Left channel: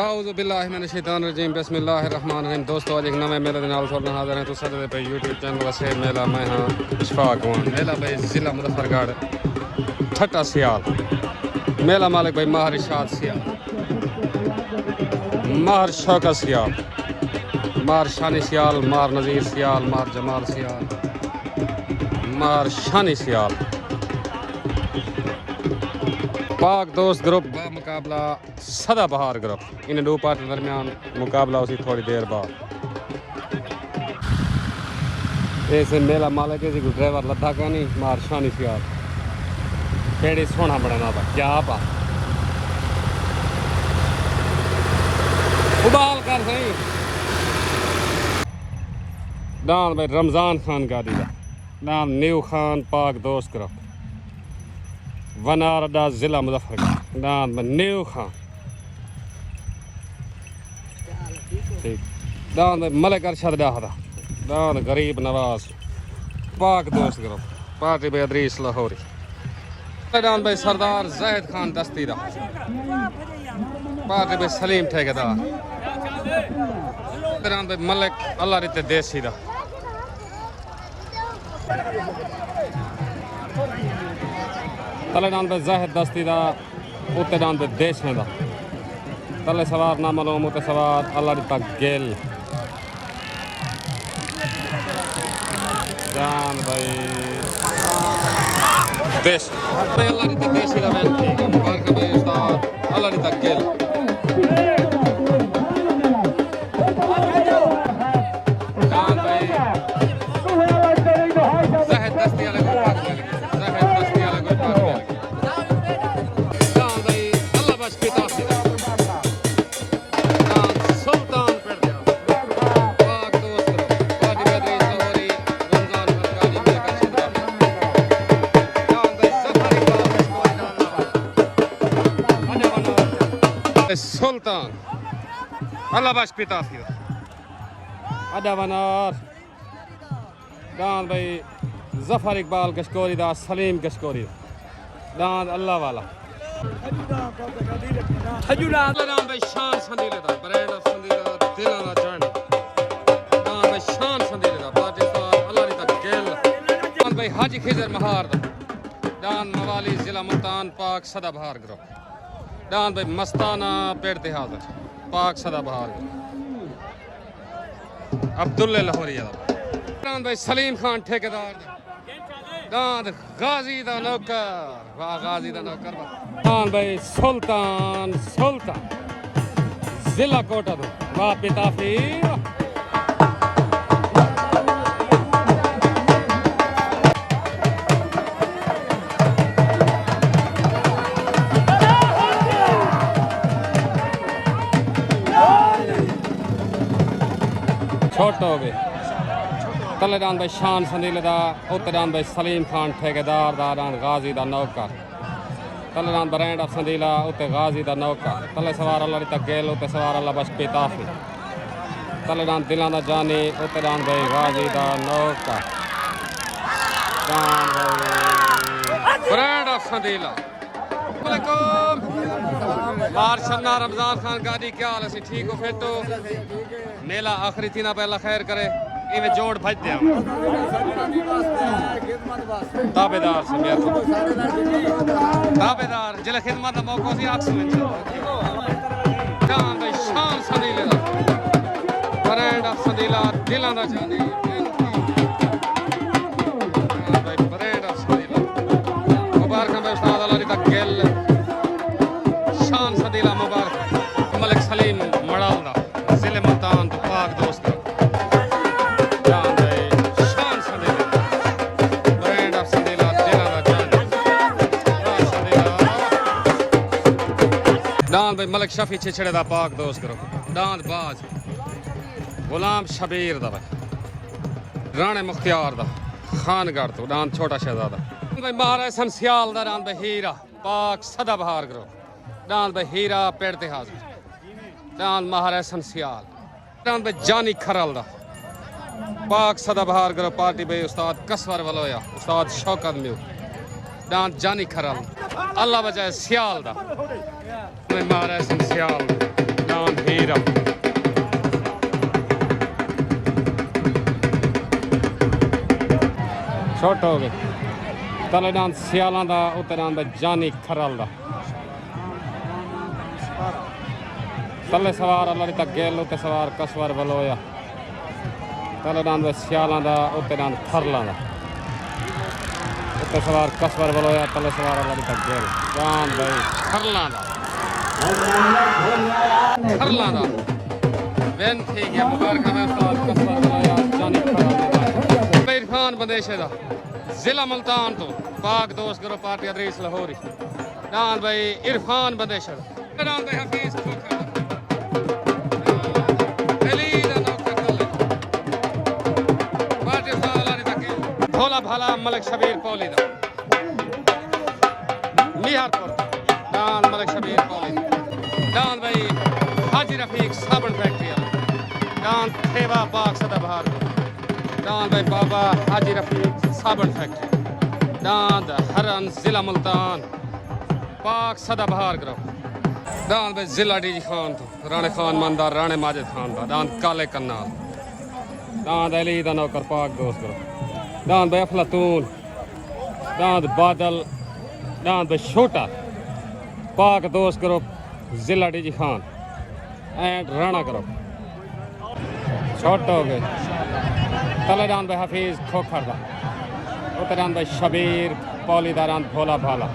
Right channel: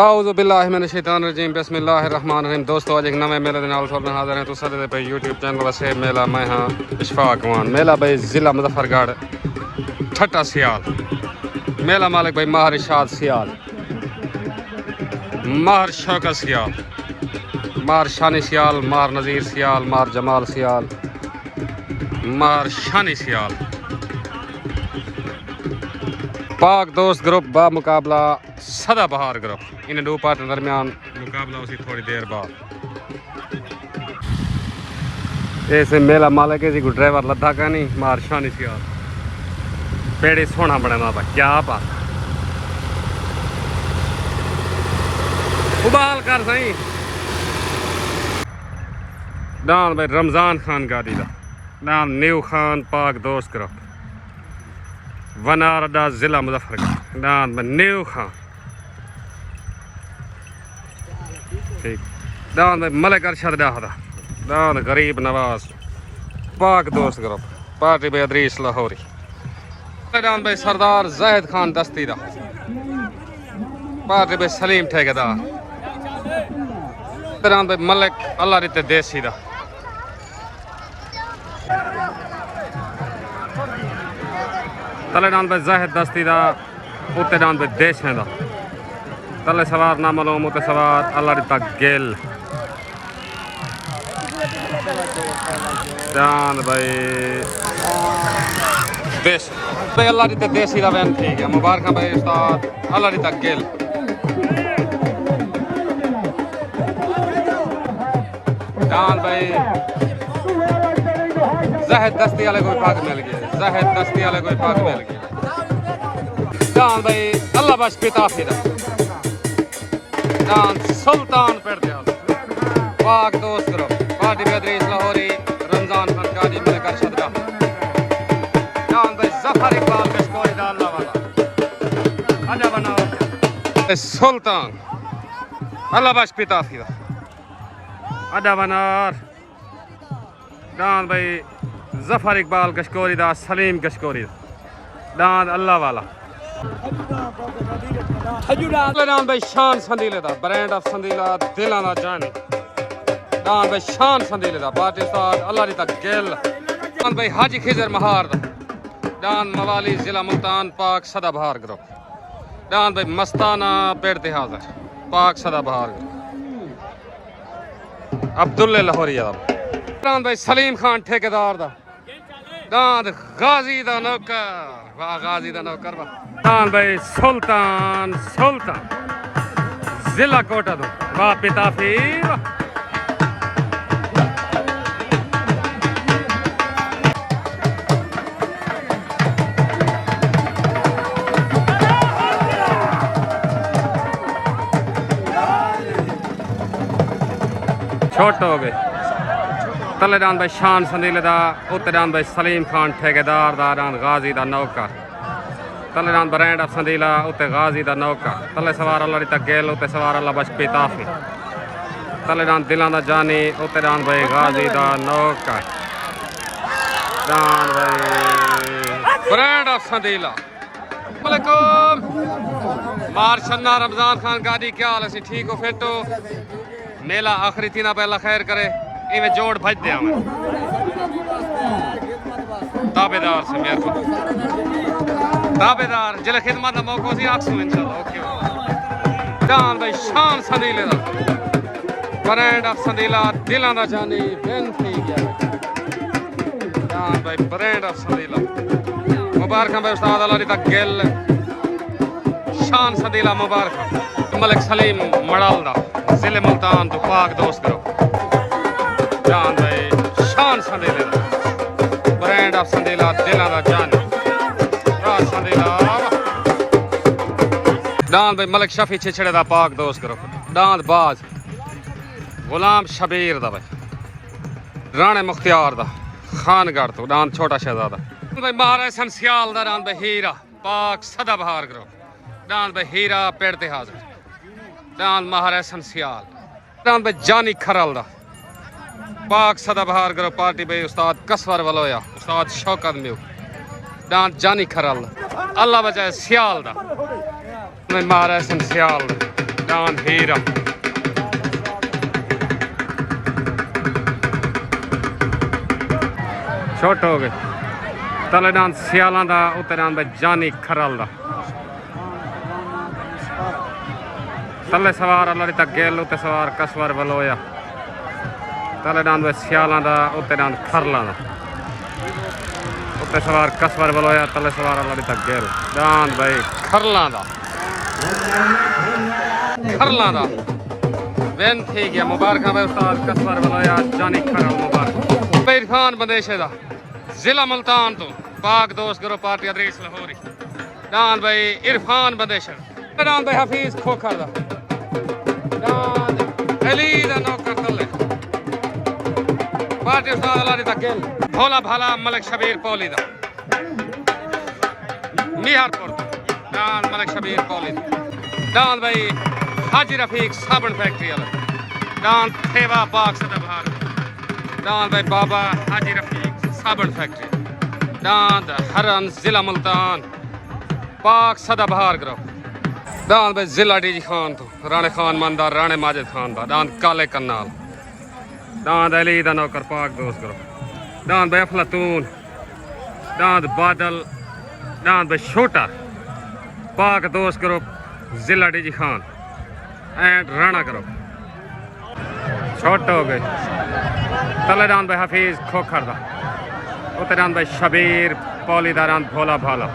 आऊज़ु बिल्लाहि मिनश शैतानिर रजीम बिस्मिल्लाहिर रहमानिर रहीम। दोस्तों आज एक नवे मेले के नाल थोड़े हाजिर हैं। तो साडे पे यूट्यूब चैनल से मेला मैं हाँ इशफाक वन मेला भाई ज़िला मुजफ्फरगढ़ ठट्टा सियाल मेला मालिक भाई माहर इरशाद सियाल माहर शौकत सियाल माहर शानी सियाल माहर नज़ीर सियाल माहर जमाल सियाल माहर शानी सियाल पाक दोस्त ग्रुप बा मुकाबला सदा बहार ग्रुप इन दो पार्टी दरमियान मुकाबला उसी थोड़ी देर बाद ऐसे मेला मालिक है को ड्राइवर लद्दा का नहीं मार शानी सियाल पेड़ी सोना बना बा क्या पा उबाल कर सही दान भाई रमजान खान गाड़ी दा नाम न्यू खान पाक दोस्त ग्रुप वनारदा जिला मुजफ्फरगढ़ दान भाई न्यू खान ठीक दान भाई मलिक अरशद डाहदा दान गरीब नवाज पाक दोस्त ग्रुप पार्टी भाई अदरीस लाहौरी दान भाई सरदार जाहिद खान दस्तीदा पार्टी भाई सलीम ठेकेदार दान भाई मलिक अल्लाह रिते देसी दा तले दान भाई जाहिद दस्तीदा उत्ते दान भाई देशें दा तले सवार ना मालूम उते सवार अल्लाह रिता गेल दान भाई देश भाई अल्लाह रिता देसी दा वैन ठीक है मुबारक भाई उस्ताद अल्लाह रिता गेल दान भाई जाहिद दस्ती वाले कोई पाक मिल गया जाहिद दस्ती वाले कोई पाक मिल गया दान भाई अल्लाह बस पिता फिरा सुल्तान पेड़ पाक दोस्त पार्टी बेदरीस लाहौरी रमजान खान गाजी मलिक अरशद जान भाई जफर इकबाल कश्कोरी डालना वाला अजा बना सुल्तान अल्लाह बख्श पिता फिरा अजा बनार दान भाई जफर इकबाल कश्कोरी दा सलीम कश्कोरी दान अल्लाह वाला दान भाई शान संदीले दा ब्रांड ऑफ संदीला दिलां दा जान दान भाई शान संदीले दा पार्टी उस्ताद अल्लाह री तक गेल दान भाई हाजी खिजर महार दा दान मवाली जिला मुल्तान पाक सदा बहार ग्रुप दान भाई मस्ताना पेड़ ते हाजिर पाक सदा बहार अब्दुल्ला लाहौरी दान भाई सलीम खान ठेकेदार दा दान गाजी दा नौकर वाह गाजी दा नौकर वाह दान भाई सुल्तान सुल्तान जिला कोटा दो वाह पिता फिर छोटो हो गए तले दान भाई शान संदीले दा उत्ते दान भाई सलीम खान ठेकेदार दा दान गाजी दा नौकर तले दान ब्रांड ऑफ संदीला उत्ते गाजी दा नौकर तले सवार अल्लाह रिता गेल उत्ते सवार अल्लाह बश पिताफी तले दान दिलां दा जानी उत्ते दान भाई गाजी दा नौकर दान भाई ब्रांड ऑफ संदीला वालेकुम मार शन्ना रमजान खान गाड़ी क्या हाल है ठीक हो फिर तो मेला आखिरी थी ना पहला खैर करे इवें जोड़ भज दिया ताबेदार से मेरे को ताबेदार जिले खिदमत का मौका सी आखसू इंशाल्लाह ओके दान भाई शान संदीले दा ब्रांड ऑफ संदीला दिलां दा जानी बेनती दान भाई ब्रांड ऑफ संदीला मुबारक भाई उस्ताद अल्लाह री तक गेल शान संदीला मुबारक मलिक सलीम मड़ाल दा जिले मुल्तान तो पाक दोस्त करो दान भाई शान संदीला ब्रांड ऑफ संदीला दिलां दा जानी दान भाई मलिक शफी छिछड़े दा पाक दोस्त करो दांद बाज गुलाम शबीर दा भाई राणे मुख्तियार दा खानगढ़ तो दांद छोटा शहजादा भाई महाराज संसियाल दा दांद भाई हीरा पाक सदा बहार करो दांद भाई हीरा पेड़ ते हाजिर दांद महाराज संसियाल दांद भाई जानी खरल दा पाक सदा बहार करो पार्टी भाई उस्ताद कसवर वलोया उस्ताद शौकत म्यू दांद जानी खरल अल्लाह बचाए सियाल दा महाराज सियाल डांद हीरा छोट हो गए तले डांद सियाला दा उत्ते डांद जानी खरल दा तले सवार अल्लाह तक गेल उत्ते सवार कसवर बलोया तले डांद सियाला दा उत्ते डांद खरला दा उत्ते सवार कसवर बलोया तले सवार अल्लाह तक गेल डांद भाई खरला दा वेन थी गया मुबारक भाई उस्ताद कसवर बलोया जानी खरल मुबारक भाई इरफान बंदेशे दा जिला मुल्तान तो पाक दोस्त करो पार्टी अदरीस लाहौरी डांद भाई इरफान बंदेशे डांद भाई हफीज खोखर दा अली दा नौकर तले पार्टी उस्ताद अल्लाह तक गेल भोला भाला मलिक शबीर पौली दा मिहारपुर डांद मलिक शबीर पौली डांद भाई हाजी रफीक साबन फैक्ट्री वाला डांद थेवा पाक सदाबहार डांद भाई बाबा हाजी रफीक साबन फैक्ट्री डांद हरन जिला मुल्तान पाक सदाबहार ग्रो डांद भाई जिला डीजी खान तो राणे खान मंदार राणे माजिद खान दा डांद काले कन्नाल डांद अली दा नौकर पाक दोस्त ग्रो डांद भाई अफलातून डांद बादल डांद भाई छोटा पाक दोस्त ग्रुप जिला डीजी खान एंड राणा करो छोट हो गए तले डांद भाई हफीज खोखर दा उत्ते डांद भाई शबीर पौली दा डांद भोला भाला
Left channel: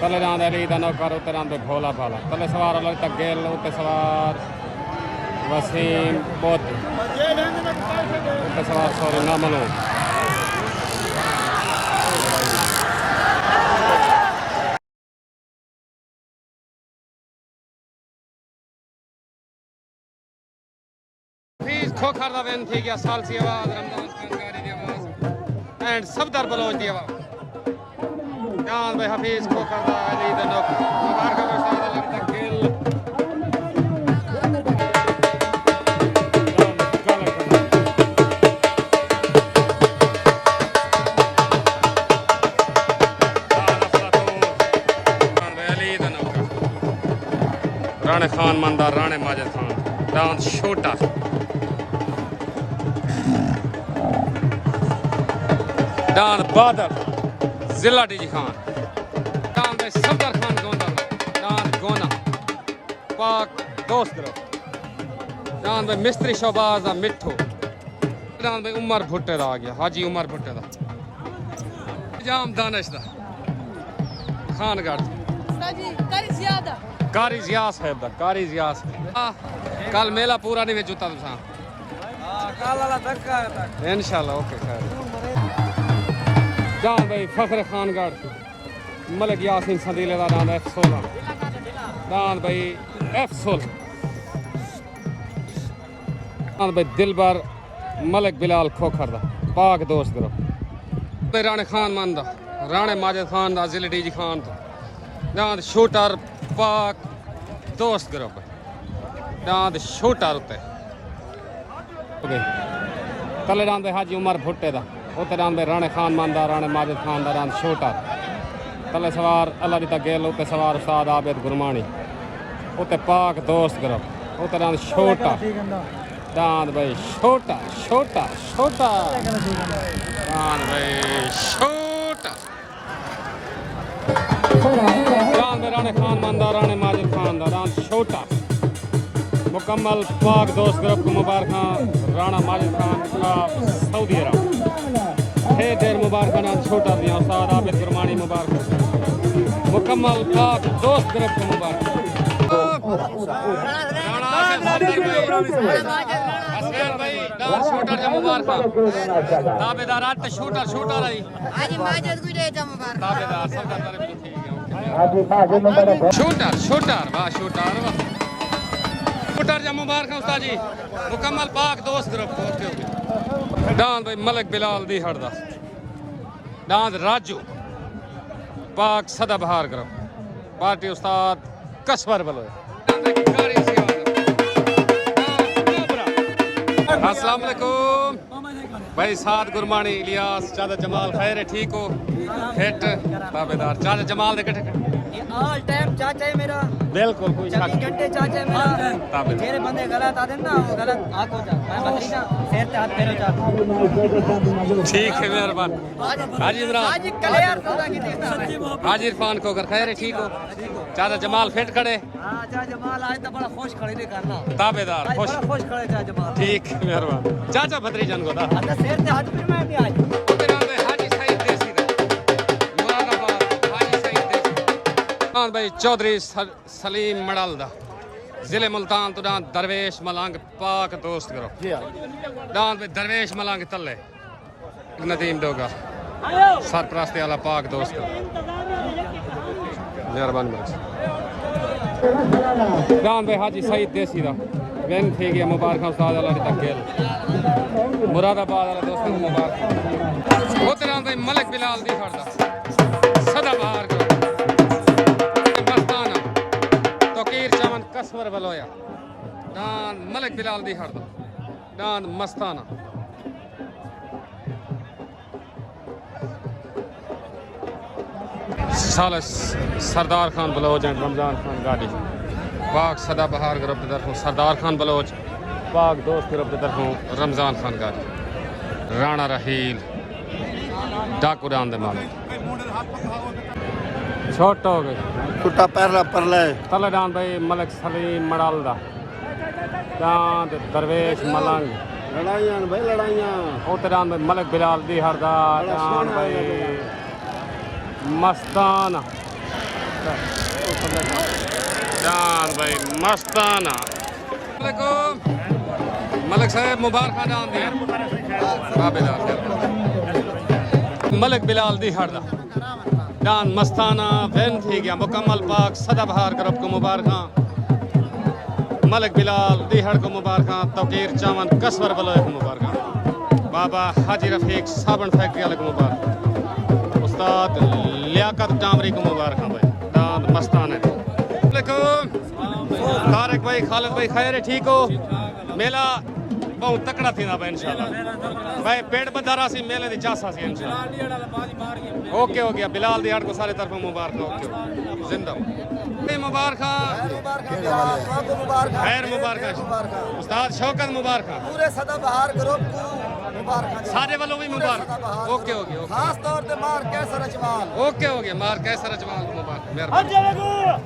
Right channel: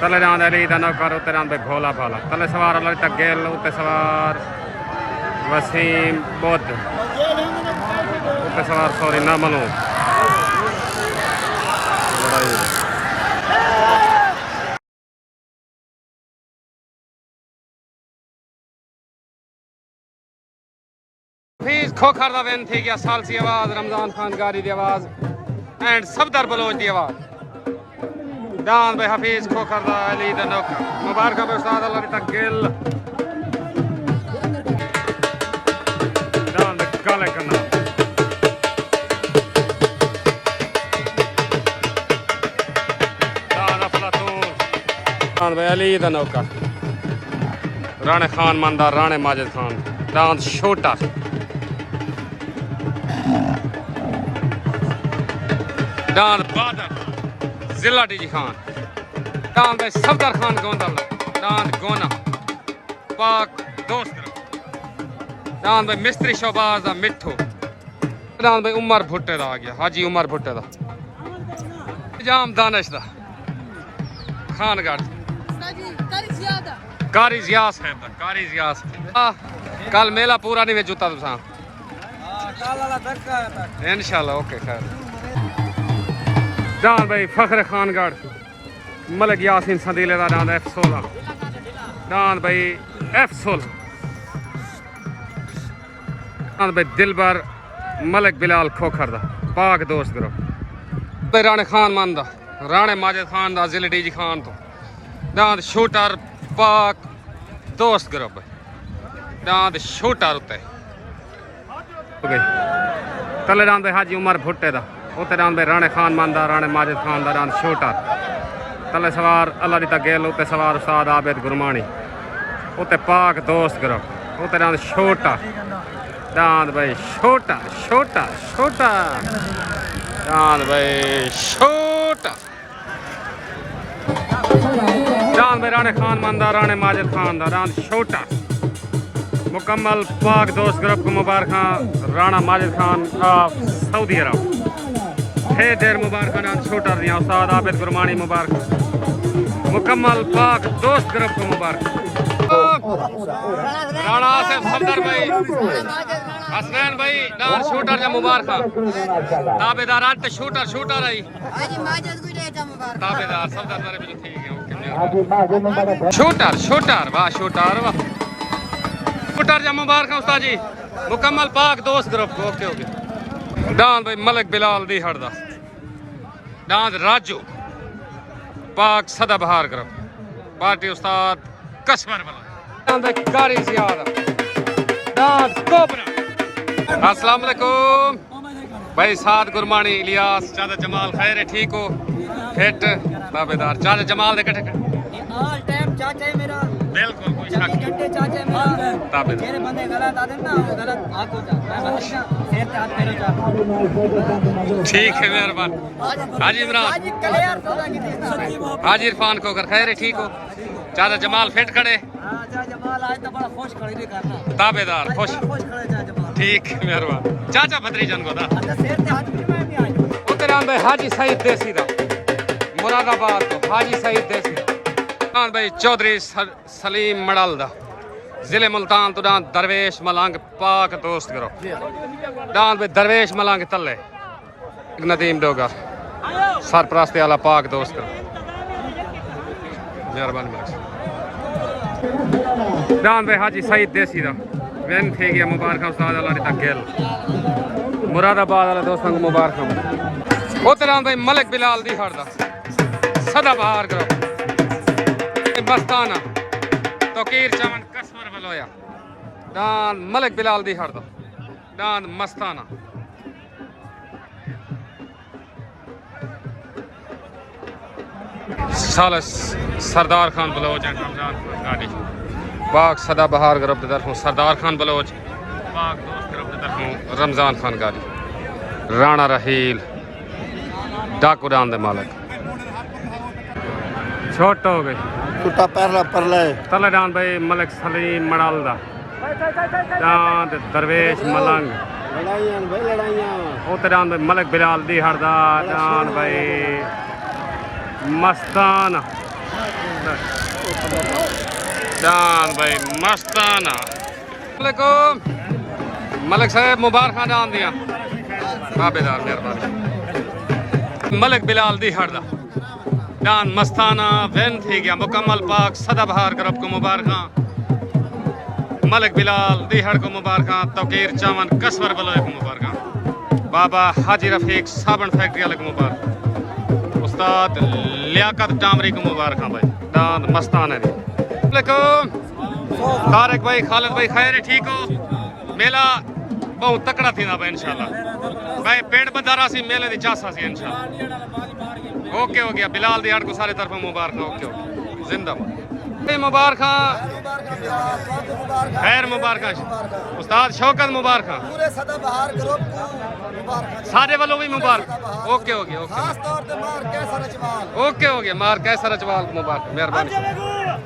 तले डांद अली दा नौकर उत्ते डांद भाई भोला भाला तले सवार अल्लाह तक गेल उत्ते सवार वसीम बुद्ध उत्ते सवार सॉरी ना मलूम खोखर दा वेन थी गया सालसी आवाज रमजान खान गारी दी आवाज एंड सफदर बलोच दी आवाज डांद भाई हफीज खोखर दा अली दा नौकर मुबारक भाई उस्ताद अल्लाह तक गेल डांद काले करना डांद अफलातून डांद भाई अली दा नौकर राणे खान मंदार राणे माजिद खान डांद छोटा डांद बादल जिला डीजी खान डांद सफदर खान गोंदल डांद गोना पाक दोस्त ग्रुप डांद भाई मिस्त्री शोबाज दा मिठू डांद भाई उमर भुट्टे दा आ गया हाजी उमर भुट्टे दा जाम दानिश दा खानगढ़ कारी जियास साहब दा कारी जियास कल मेला पूरा नहीं जुता तुसा इंशाल्लाह ओके खैर डांद भाई फखर खानगढ़ मलिक यासीन संदीले दा डांद F16 डांद भाई F16 डांद भाई दिलबर मलिक बिलाल खोखर दा पाक दोस्त ग्रुप भाई राणे खान मान दा राणे माजिद खान दा जिले डीजी खान तो डांद शूटर पाक दोस्त ग्रुप डांद शूटर उत्ते तले डांद भाई हाजी उमर भुट्टे दा उत्ते डांद भाई राणे खान मानदा राणे माजिद खान दा डांद शूटर तले सवार अल्लाह दी तक गेल उत्ते सवार उस्ताद आबिद गुरमानी उत्ते पाक दोस्त ग्रुप उत्ते डांद छोटा डांद भाई छोटा छोटा छोटा डांद भाई छोटा डांद भाई राणे खान मानदा राणे माजिद खान दा डांद छोटा मुकम्मल पाक दोस्त ग्रुप को मुबारक राणा माजिद खान ऑफ सऊदी अरब ढेर मुबारक छोटा दिया उस्ताद आबिद गुरमानी मुबारक मुकम्मल पाक दोस्त ग्रुप को मुबारक राणा से सफदर भाई हसनैन भाई डांस शूटर जा मुबारक ताबेदार आज शूटर शूटर आई आज माजिद को देता मुबारक ताबेदार सफदर बारे में ठीक है ओके शूटर शूटर वाह शूटर वाह शूटर जा मुबारक उस्ताद जी मुकम्मल पाक दोस्त ग्रुप को ओके ओके डांद भाई मलिक बिलाल दी हड़दा डांद राजू पाक सदाबहार ग्रुप पार्टी उस्ताद कसवर बलोया डांद भाई कारी जियाद डांद कोबरा अस्सलाम वालेकुम भाई साद गुरमानी इलियास चाचा जमाल खैर है ठीक हो फिट ताबेदार चाचा जमाल दे कटे ये ऑल टाइम चाचा है मेरा, बिल्कुल कोई शक 24 घंटे चाचा है मेरा। ताबे मेरे बंदे गलत आते ना, वो गलत आको जा, मैं बकरी का शेर पे हाथ फेरो जा। ठीक है मेहरबान। हाजी इमरान, हाजी कले यार सौदा की देखना। हाजी इरफान को कर खैर है, ठीक हो? चाचा जमाल फिट खड़े, हां चाचा जमाल आज तो बड़ा खुश खड़े नहीं करना, ताबेदार खुश, खुश खड़े चाचा जमाल। ठीक है मेहरबान। चाचा भतरीजन को दा अच्छा शेर पे हाथ फिर मैं भी आज उधर आन भाई हाजी सईद देसी दा मुरादाबाद तो हाजी सईद देसी आन भाई चौधरी सलीम मड़ल दा जिले मुल्तान तो डांस दरवेश मलंग पाक दोस्त करो डांस भाई दरवेश मलंग तले नदीम डोगा सरपरस्ती वाला पाक दोस्त करो मेहरबानी मेरे डांस भाई हाजी सईद देसी दा वेन थे गया मुबारक उस्ताद अल्लाह री तकेल मुरादाबाद वाले दोस्तों को मुबारक उधर भाई मलिक बिलाल दी हड़दा सदा बहार करो मस्ताना तोकीर चमन कसवर बलोया दान मलिक बिलाल दी हड़दा दान मस्ताना सालस सरदार खान बलोच एंड रमजान खान गाड़ी बाग सदा बहार ग्रुप तरफों सरदार खान बलोच बाग दोस्त ग्रुप तरफों रमजान खान गाड़ी राणा रहील डाकू डान दे मालिक छोट हो गई टूटा पहला परले तले डान भाई मलिक सलीम मड़ाल दा डान दरवेश मलंग लड़ाइयां भाई लड़ाइयां उते डान भाई मलिक बिलाल दी हरदा डान भाई मस्ताना डान भाई मस्ताना मलिक साहब मुबारक डान दिया ताबेदार मेहरबानी मलिक बिलाल दी हरदा डान मस्ताना वैन थी गया मुकम्मल पाक सदा बहार ग्रुप को मुबारक मलिक बिलाल दीहड़ को मुबारक तौकीर चावन कसवर बलोए को मुबारक बाबा हाजी रफीक साबन फैक्ट्री वाले को मुबारक उस्ताद लियाकत डामरी को मुबारक भाई डान मस्ताना तारिक भाई खालिद भाई खैर है ठीक हो मेला बहुत तकड़ा थी ना भाई इंशाल्लाह भाई पेड़ बंधारा सी मेले दी चासा सी इंशाल्लाह ओके हो गया बिलाल दी हड़ को सारे तरफ मुबारक ओके हो जिंदाबाद मुबारक खैर मुबारक उस्ताद शौकत मुबारक पूरे सदा बहार ग्रुप को मुबारक सारे वालों भी मुबारक ओके हो गया खास तौर पे मार कैसर अजवाल ओके हो गया मार कैसर अजवाल को मुबारक मेहरबानी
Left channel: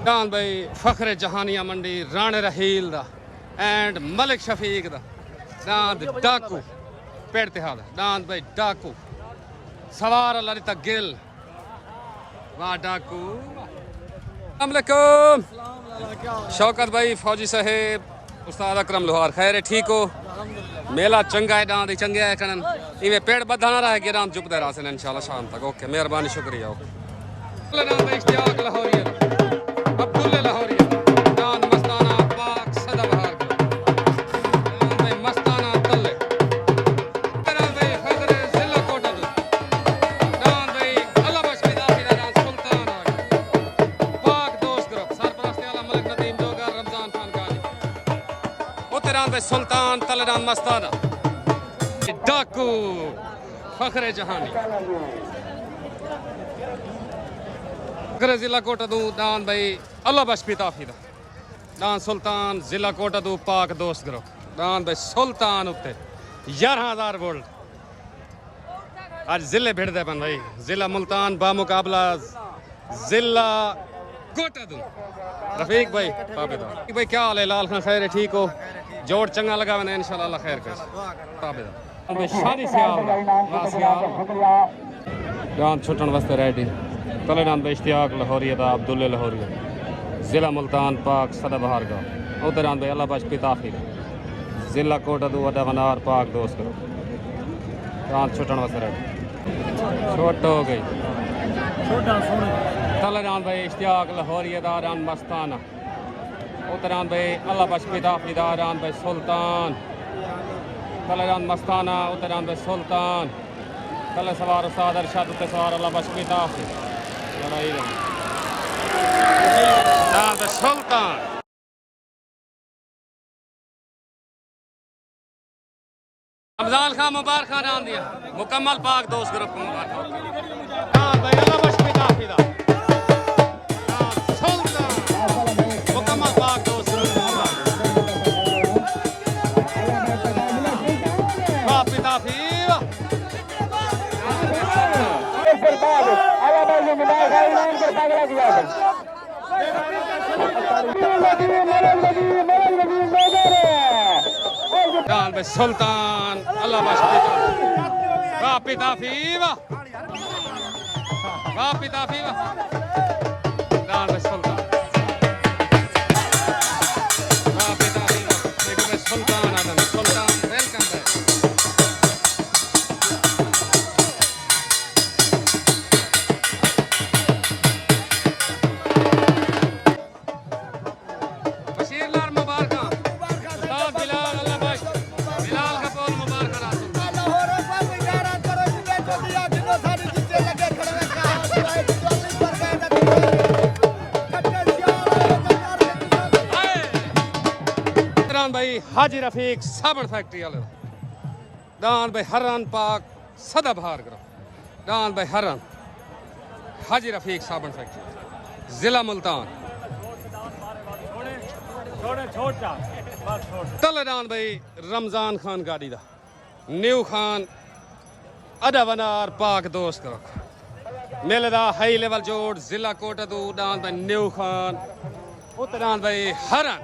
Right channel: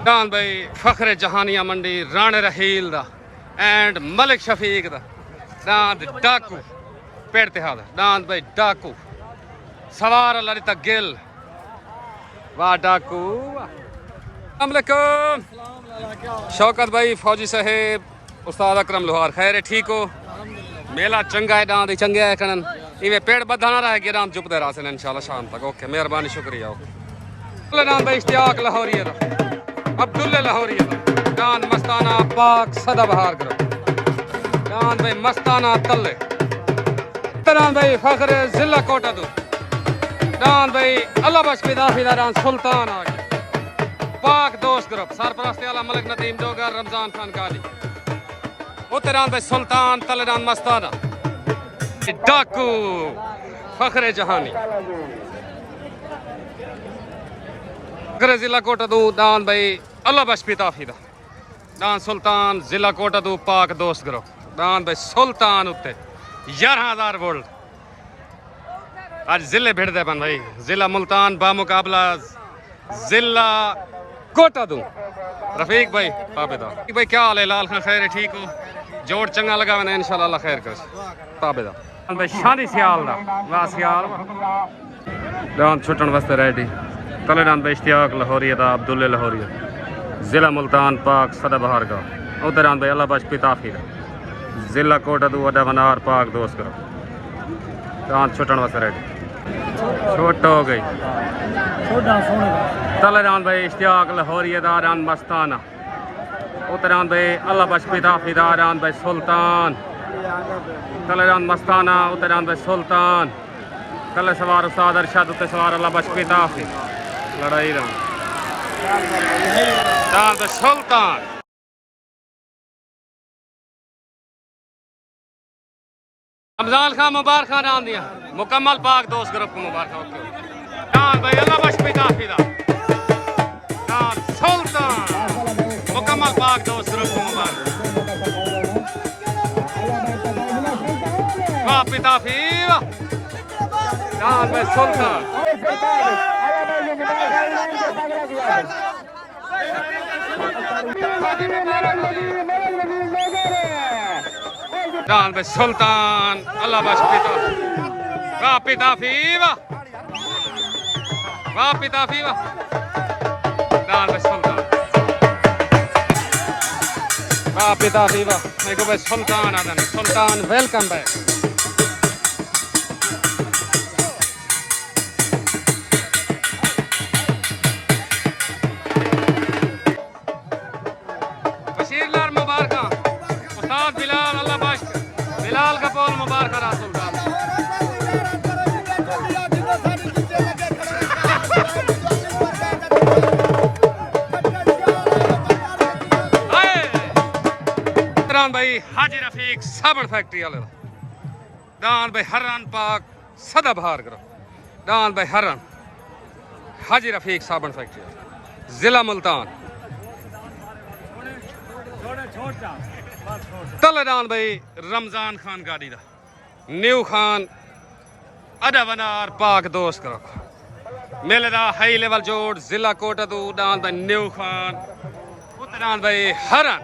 डान भाई फखरे जहानिया मंडी राणे रहील दा एंड मलिक शफीक दा डांद डाकू पेड़ तिहाड़ डांद भाई डाकू सवार ललिता गिल वाह डाकू अस्सलामुअलैकुम शौकत भाई फौजी साहेब उस्ताद अकरम लोहार खैर है ठीक हो मेला चंगा है डांद चंगे है कनन इवें पेड़ बधाना रहे कि डांद चुपते रहा इंशाल्लाह शाम तक ओके मेहरबानी शुक्रिया ओके डांद भाई इश्तियाक लाहौरी अब्दुल्ला लाहौरी डांद मस्ताना पाक सदा बहार करो डांद भाई मस्ताना तल्ले डांद भाई फखरे जिला कोटा दो डांद भाई अल्लाह बख्श दाफी डांद सुल्तान आ पाक दोस्त ग्रुप सरपरस्ती वाला मलिक नदीम डोगर रमजान खान गाली उतरान भाई सुल्तान तलडान मस्ताना डाकू फखरे जहानी फखरे जिला कोटा दो डान भाई अल्लाह बख्श दाफी डान सुल्तान जिला कोटा दो पाक दोस्त ग्रुप डान भाई सुल्तान उत्ते 11,000 वोल्ट आज जिले भिड़ते बन भाई जिला मुल्तान बामुकाबला जिला कोटा दूं रफीक भाई ताबेदार भाई क्या हाल है लाल खान खैर है ठीक हो जोड़ चंगा लगा मैंने इंशाल्लाह अल्लाह खैर कर ताबेदार भाई शादी सियाल दा वाह सियाल डांद छुटन वास्ते रेडी तले डांद भाई इश्तियाक लाहौरी दा अब्दुल्ला लाहौरी जिला मुल्तान पाक सदा बहार का उधर डांद भाई अल्लाह बख्श पिताफी दा जिला कोटा दू वडा वनार पाक दोस्त करो डांद छुटन वास्ते रेडी छोट हो गई तलरान भाई इश्तियाक लाहौरी दारान मस्ताना उतरान भाई अल्लाह बख्श पिताफी दारान भाई सुल्तान तलरान मस्ताना उतरान भाई सुल्तान तले सवार उस्ताद अरशद उते सवार अल्लाह बख्श पिताफी लड़ाई रहा दान भाई सुल्तान रमजान खान मुबारक नाम दिया मुकम्मल पाक दोस्त ग्रुप को मुबारक ओके भाई अल्लाह बख्श पिताफी दा पाक दोस्त पिता फिर जान में सुल्तान जान में सुल्तान अल्लाह बस पिता वाह पिता फीवा वाह पिता फीवा जान में सुल्तान वाह पिता फीवा देखो भाई सुल्तान आदन सुल्तान वेलकम बैक मुबारक उस्ताद बिलाल अल्लाह बख्श बिलाल का पोल मुबारक रासुल भाई हाजी रफीक साबण फैक्ट्री वाले दान भाई हरन पाक सदा बहार करो दान भाई हरन हाजी रफीक साबण फैक्ट्री जिला मुल्तान तलेदान भाई रमजान खान गाड़ी दा न्यू खान अदावनार पाक दोस्त करो मेले दा हाई लेवल जोड़ जिला कोटा दू दान भाई न्यू खान उतरान भाई हरन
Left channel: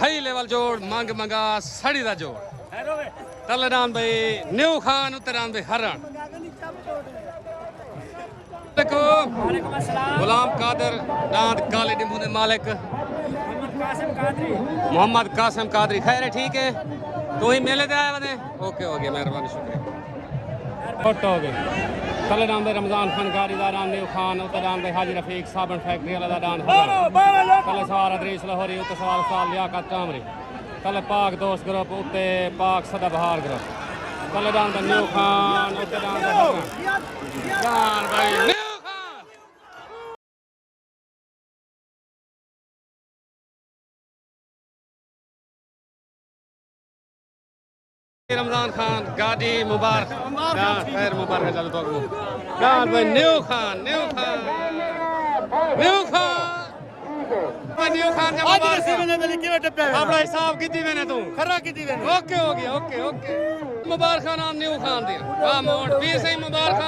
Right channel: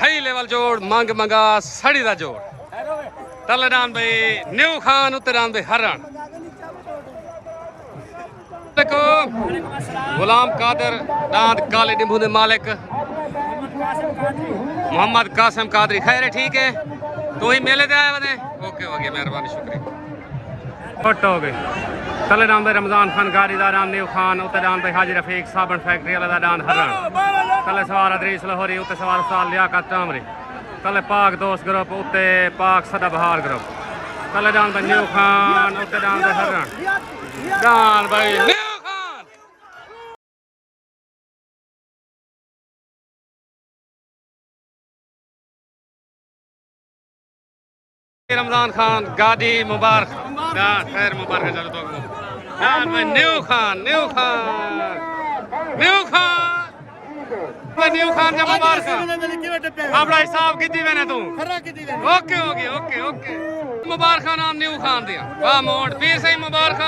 हाई लेवल जोड़ मंग मंगा सड़ी दा जोड़ तलेदान भाई न्यू खान उतरान भाई हरन देखो गुलाम कादर दांत काले डिम्बू दे मालिक मोहम्मद कासिम कादरी खैर है ठीक है तो ही मेले दे आए बने ओके हो गया मेहरबानी शुक्रिया फोटो हो गई तलेदान भाई रमजान खान गाड़ी दा नाम न्यू खान उतरान भाई हाजी रफीक साबण फैक्ट्री वाला दा दान हरन तले सवार अदरीस लाहौरी उते सवार उस्ताद लियाकत टामरी तले पाक दोस्त ग्रुप उते पाक सदा बहार ग्रुप तलेदान भाई न्यू खान उते दान भाई हरन दान भाई न्यू रमजान खान गाड़ी मुबारक खैर मुबारक चलो तो दान भाई न्यू खान न्यू खान जब मुबारक अपना हिसाब कितनी मैंने तू ओके हो गया ओके ओके मुबारक नाम न्यू खान दिया वाह मोट फिर सही मुबारक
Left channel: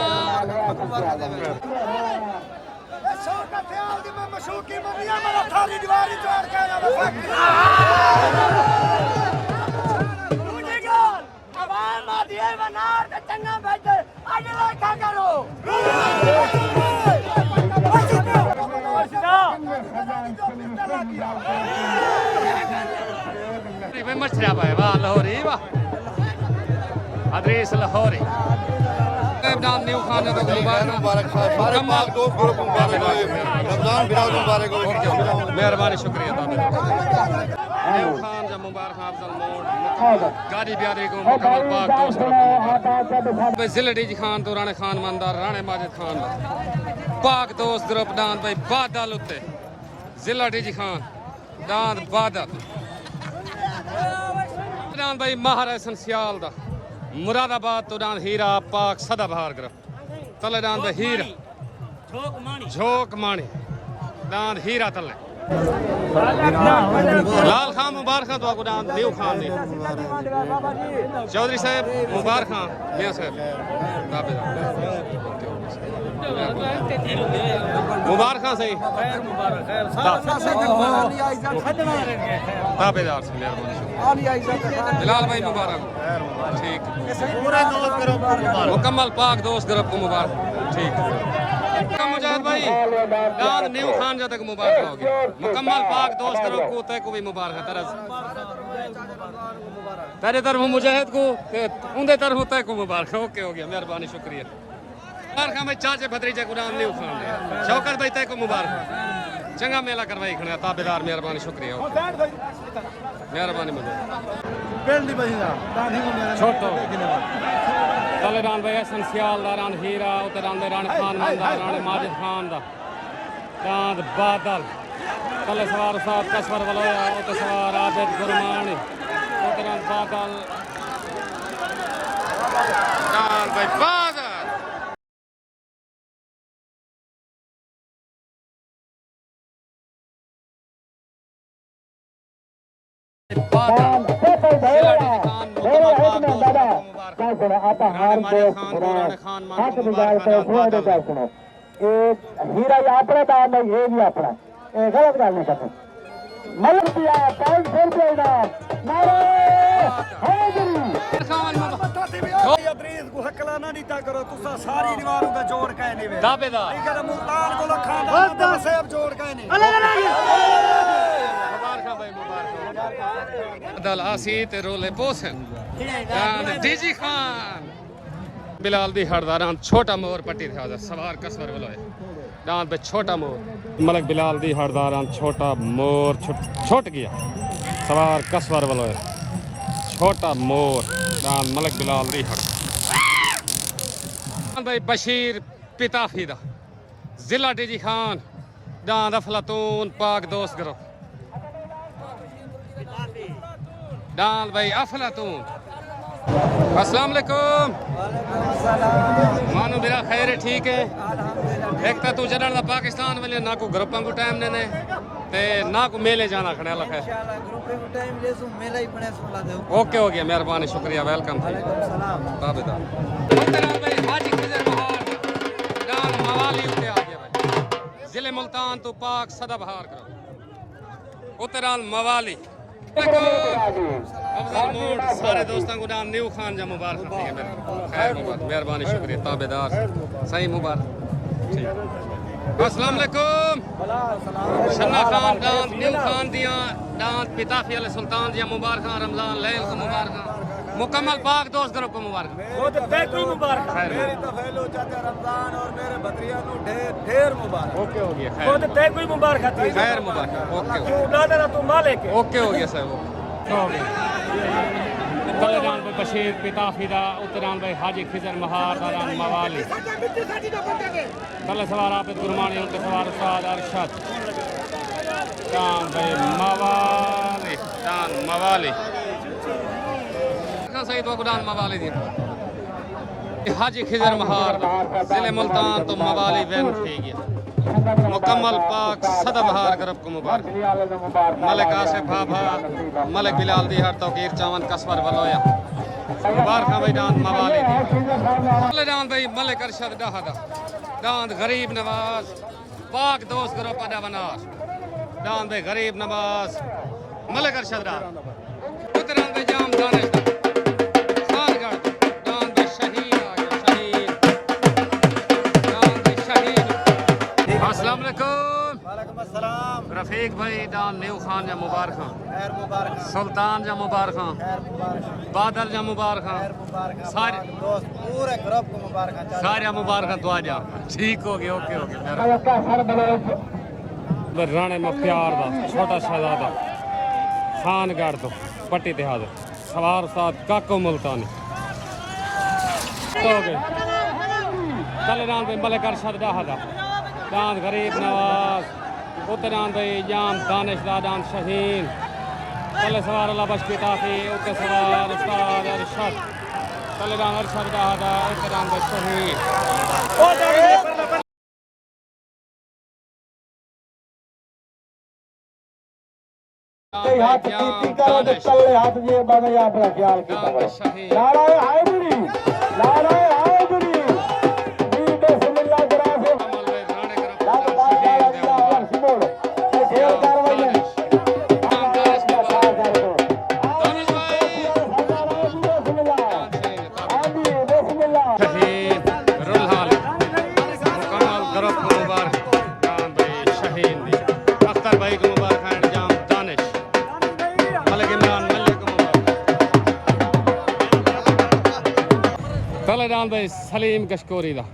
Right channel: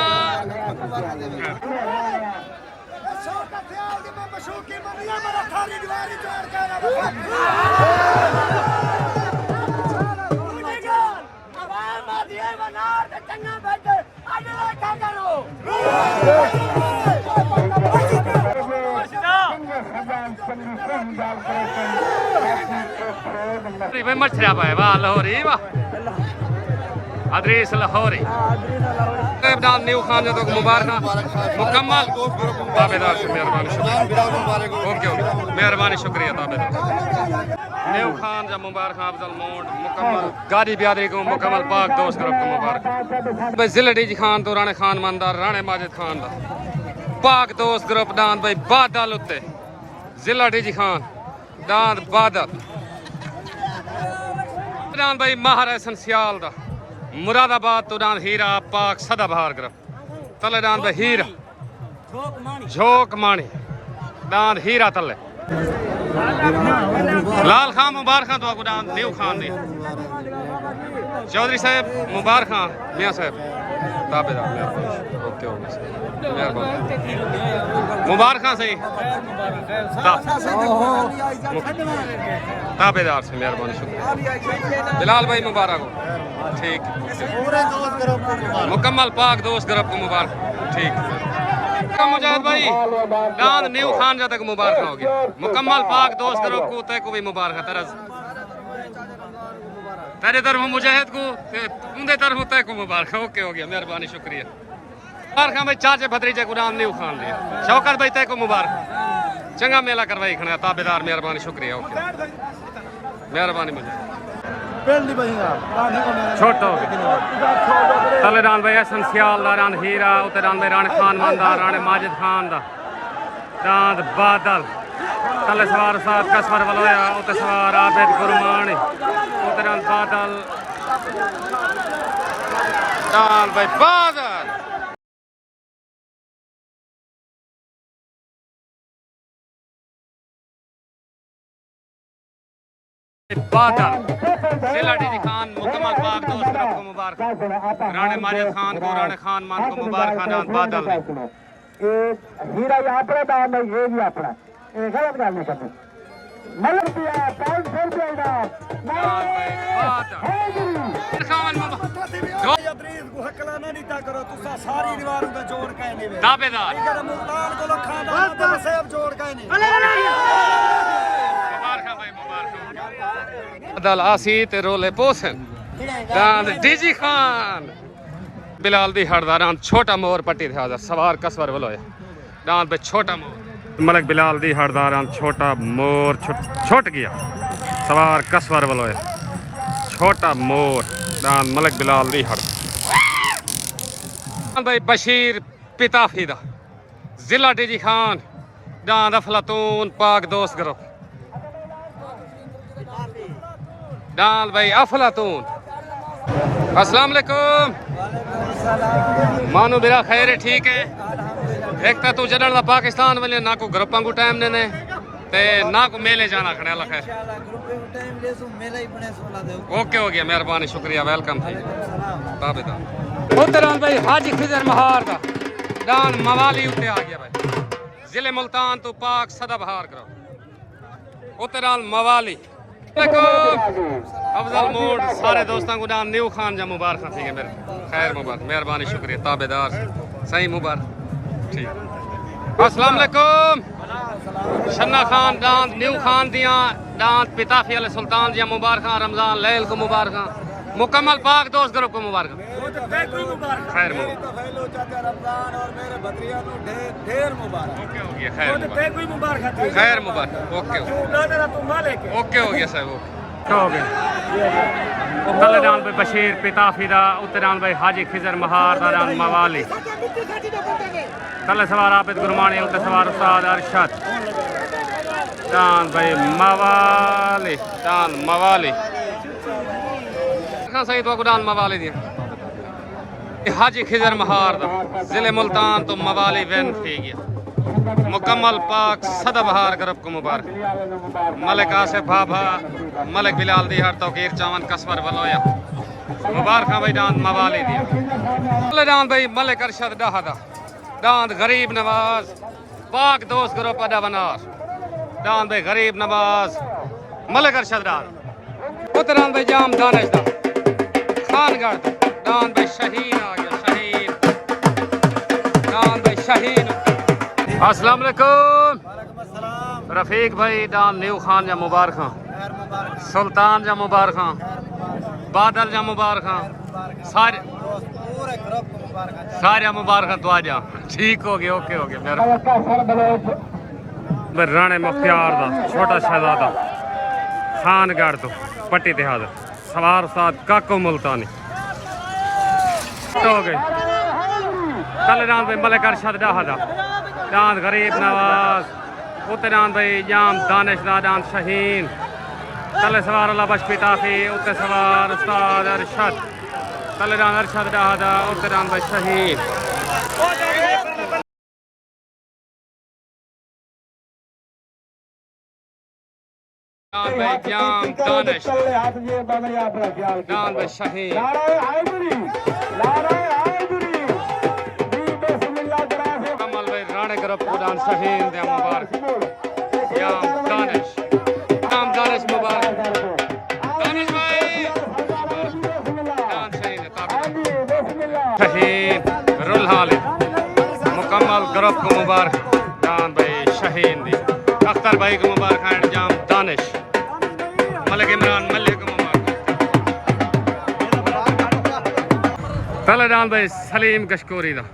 मछलिया पाए वाह लाहौरी वाह अदरीस लाहौरी नाम न्यू खान जो तो मुबारक मुकम्मल मेहरबानी शुक्रिया ताबेदार न्यू खान जब मुबारक अफजल मोड मुकम्मल गाड़ी ब्यादरी को मुकम्मल पाक दोस्त ग्रुप को मुबारक भाई जिले जी खान तो राणे खान मंदार राणे माजिद खान दा पाक दोस्त ग्रुप दान भाई बादल उत्ते जिला डी खान दान बादल दान भाई महार एहसन सियाल दा मुरादाबाद तो दान हीरा पाक सदा बहार ग्रुप तले दान भाई हीरा झोक माणी दान हीरा तले लाल खान मुबारक तो आपको दान न्यू खान ने चौधरी साहब मुबारक खान मियां साहब ताबेदार ओके ओके मुबारक खान सही ताबेदार से मेहरबानी शुक्रिया जलाल भाई मुबारक हो ठीक मुकम्मल पाक दोस्त ग्रुप को मुबारक ठीक मुजाहिद भाई दान न्यू खान जब तक मुबारक हो गया मुकम्मल पाक दोस्त ग्रुप को तय को भी मुबारक तरस तेरे तरफ मुजाहिद को उनके तरफ तय को मुबारक ओके हो गया मेहरबानी शुक्रिया मुबारक भाई चाचे भतीजे को नाम न्यू खान दिया शौकत भाई तय को मुबारक चंगा मेला करवाई खड़ा ताबेदार मेहरबानी शुक्रिया ओके मेहरबानी मुजाहिद छोटो तलेदान भाई एहसन सियाल दा रान हीरा उते दान भाई राणे खान मंदा राणे माजिद खान दा दांद बादल तले सवार उस्ताद कसवर वलोया उते सवार आबिद गुरमानी उते दान बादल दान भाई बादल बादल जिला डीजी खान मुकम्मल पाक दोस्त को मुबारक राणे माजिद खान को राणे खान मान को मुबारक डांस बादल एक हीरा यात्रा दान है ये भी अपना एक गलत गल नहीं करनी मलक दिया टाइम खेल देगा अदरीस को हकलाना नहीं ता करो तुसा सारी दीवारों का जोड़ के नहीं वे दावेदार इधर मुल्तान को खाना तो सब जोड़ के नहीं मुबारक भाई मुबारक बादल आसी ते रोले पोसन डांस डीजी खान बिलाल दी हड़दारान छोटा मोर पट्टी थे सवार कसवर बोलो डांस पे छोटा मोर मलक बिलाल दी हड़दारान छोटा मोर छुट गया सवार कसवर बोलो छोटा मोर डांस मलक बिलाल दी हड़ भाई बशीर पिताफीदा जिला डीजी खान डांस अफलातून पाक दोस्त करो डांस भाई अफलातून अस्सलाम वालेकुम मानो मेरा खैर है ठीक है एक तू जडन दा पाकिस्तान वाले ना को ग्रुपां को टाइम देने ते ना को मेले जाना खने अल्लाह खैर इंशाल्लाह ग्रुप पे टाइम ले सो मेला ही बने सो ला दे ओके हो गया मेहरबानी शुक्रिया वेलकम वालेकुम सलाम ताबेदार उतरान भाई हाजी खिजर महार दा डान मवाली उते आ गया भाई जिले मुल्तान तो पाक सदा बहार करो उतरान मवाली अफजल मोड सारे दोस्तों को डान न्यू खान जा मुबारक ठीक है मेरे खैर मुबारक मेहरबानी शुक्रिया ताबेदार सही मुबारक ठीक अस्सलाम वालेकुम शन्ना खान डान न्यू खान दिया डान पिताफी अल सुल्तान दिया मुबारक रमजान लैल को मुबारक मुकम्मल पाक दोस्त ग्रुप को मुबारक खैर मेरी तो फैलो चाचा रमजान और मेरे भतरिया नु ढेर ढेर मुबारक ओके हो गया खैर खैर मुबारक ओके ओके हो गया सर ओके हो गया तलडान भाई बशीर पिताफीदा उत्तरान भाई हाजी खिजर महार दारान मवाली तल सवार आबिद गुरमानी उत्तर सवार उस्ताद अरशद डान भाई मवाली डान मवाली सही तो डान मवाली दिया हाजी खिजर महार जिले मुल्तान तो मवाली वैन थी गया मुकम्मल पाक सदा बहार ग्रुप को मुबारक मलिक आसिफ भाभा मलिक बिलाल दी हर तौकीर चावन कसवर बलोया मुबारक भाई डांस मवाली दी डांस भाई मलिक अरशद डाहदा डांस गरीब नवाज पाक दोस्त ग्रुप अदा बनार डांस भाई गरीब नवाज मलिक अरशद डांस उतरान भाई जाम दानिश खानगढ़ डांस भाई शहीद आ गया शहीद डांस भाई शहीद अस्सलाम वालेकुम वालेकुम अस्सलाम रफीक भाई डान न्यू खान जा मुबारक खैर मुबारक सुल्तान जा मुबारक खैर मुबारक बादल जा मुबारक सारे दोस्त पूरे ग्रुप को मुबारक सारे मुबारक तो आ जा ठीक हो गया ओके हो गया मेरा राणे मुख्तियार दा छोटा शहजादा खानगढ़ तो पट्टी ते हाजिर सवार उस्ताद काको मुल्तानी तो हो गए कल डांस भाई मलिक अरशद डाहदा डांस गरीब नवाज उत्ते डांस भाई जाम दानिश दा डांस शहीन तले सवार अल्लाह बश पिताफी उत्ते सवार उस्ताद अरशद तले डांस अरशद डाहदा उत्ते डांस भाई शहीन डांस भाई जाम दानिश डांस भाई शहीन मुकम्मल ग्रुप को मुबारक डान भाई शहीन दी अख्तर भाई को मुबारक जाम दानिश मलिक इमरान मलिक को मुबारक तले डान भाई सलीम गशकोरी दा